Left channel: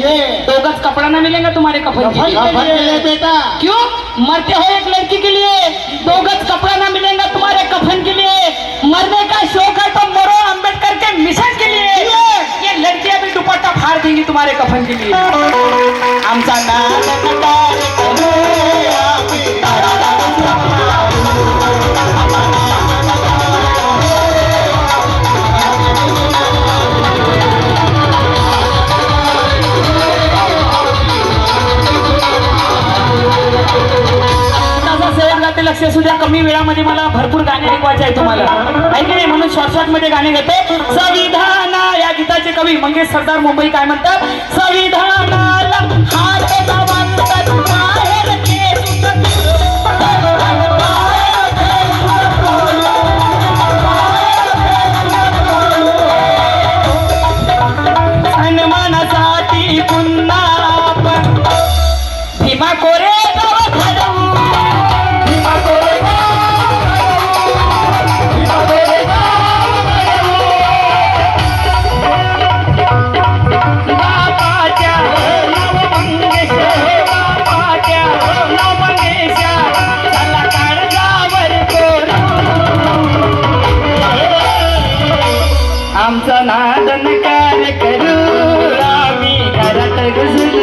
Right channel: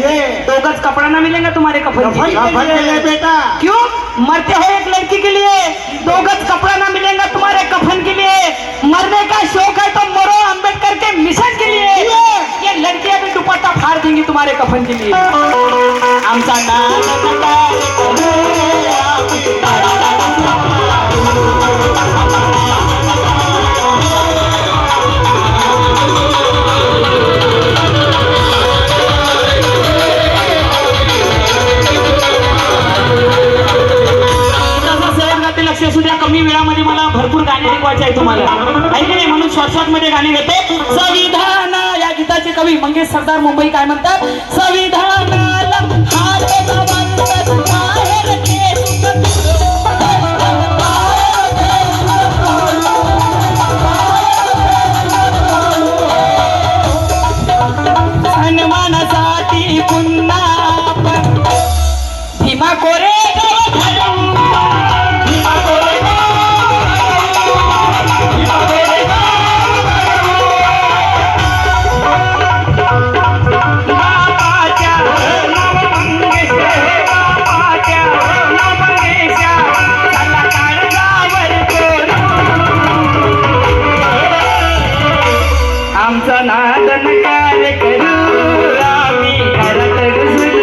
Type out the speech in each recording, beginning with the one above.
दो गज कपड़ा ना मिलेगा तुम्हारे कफन के लिए बेटा। क्यों? मरते हो एक लड़की के लिए, 2 गज कपड़ा ना मिलेगा तुम्हारे कफन के लिए। मरने का शौक है तो मरो अम्बेडकर के मिशन के लिए। ये लड़कियां भी दुपट्टा फाड़ देंगी तुम्हारे कफन के लिए। आमचा लक्ष असू द्या, कमी वेळामध्ये मला भरपूर गाणे ऐकवायचे आहे तुम्हाला, ऐक नाही, म्हणून शॉर्ट मध्ये गाणे घेते. संविधान या गीताचे कवी मंगेश सरदार मुंबई काय म्हणतात? संविधानाला हात लावायचा बाहेर सन्मानासाठी पुन्हा आपण भीमा कोरे आमचा नादन कार्य करू आम्ही घरात घुसून.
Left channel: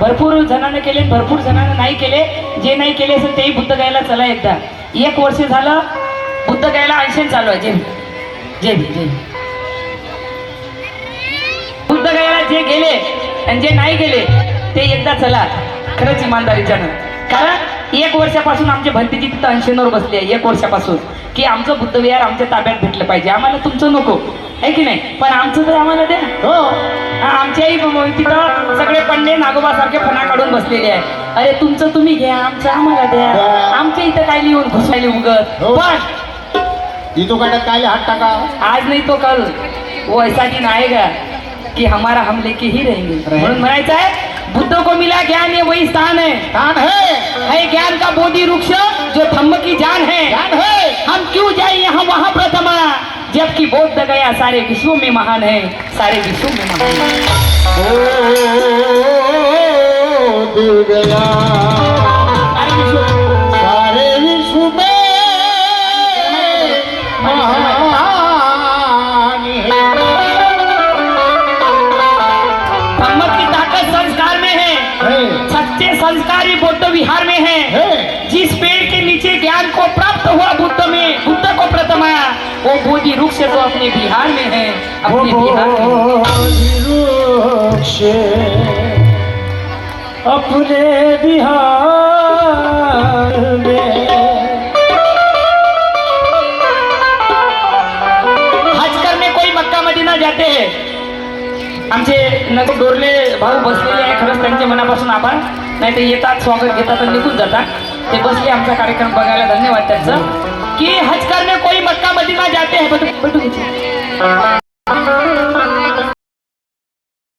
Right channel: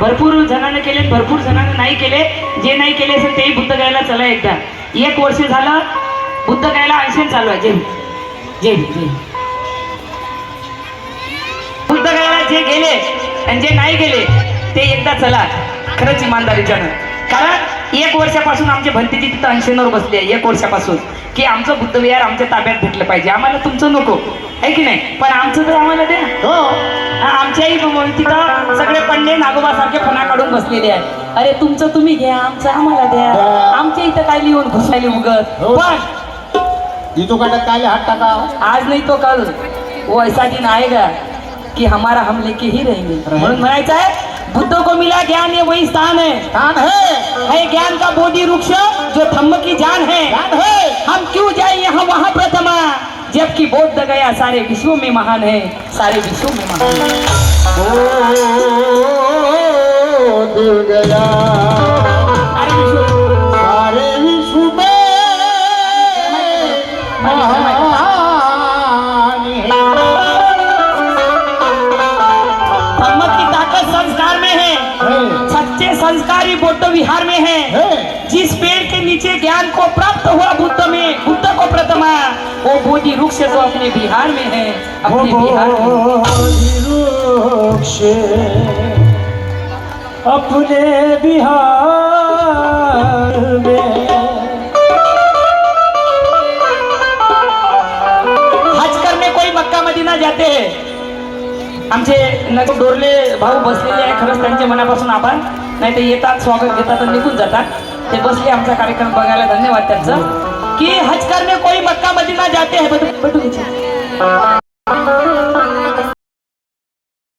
भरपूर जणांना केले, भरपूर जणांना नाही केले. जे नाही केले असेल तेही बुद्ध गायला चला एकदा. 1 वर्ष झालं बुद्ध गायला 80 चालू आहे. जे बुद्ध गायला जे गेले आणि जे नाही गेले ते एकदा चला खरंच इमानदारीच्यानं. कारण 1 वर्षापासून आमची भंतीची तिथं 80वर बसली आहे. 1 वर्षापासून की आमचं बुद्ध विहार आमच्या ताब्यात भेटलं पाहिजे. आम्हाला तुमचं नको आहे की नाही, पण आमचं तर आम्हाला द्या. आमच्याही तिथं सगळे पंडे नागोबा सारखे फणा काढून बसलेले आहे. अरे तुमचं तुम्ही घ्या, आमचं आम्हाला द्या. आमच्या इथं काय लिहून घुसायले उगत. पण तो काले हात टाका. आज नहीं तो कल वो ऐसा दिन आएगा कि हमारा हम लेके ही रहेंगे. म्हणून म्हणायचं आहे बुद्ध को मिला ज्ञान, ये वही स्थान है ज्ञान का बोधि वृक्ष जो धम्म की जान है. हम क्यों जाए यहाँ वहाँ प्रथमा, जबकि बौद्ध गया सारे विश्व में महान है, सारे विश्व में महान है. दिल गया सारे विश्व में महान है. धम्म की ताकत संस्कार में है. सच्चे संस्कारी बौद्ध विहार में है. जिस पेड़ के नीचे ज्ञान को प्राप्त हुआ बुद्ध को प्रथमा, वो बोधि वृक्ष तो अपने बिहार में है. अपने बिहार में अपने बिहार में. हज करने कोई मक्का मदीना जाते हैं. आमचे नगर डोरले भाऊ बसलेले आहे. खरंच त्यांचे मनापासून आभार. नाही तर येतात, स्वागत घेतात आणि निघून जातात. ते बसले आमचा कार्यक्रम बघायला, धन्यवाद त्यांचं. की हज करने कोई मक्का मदीना जाते हैं. बटू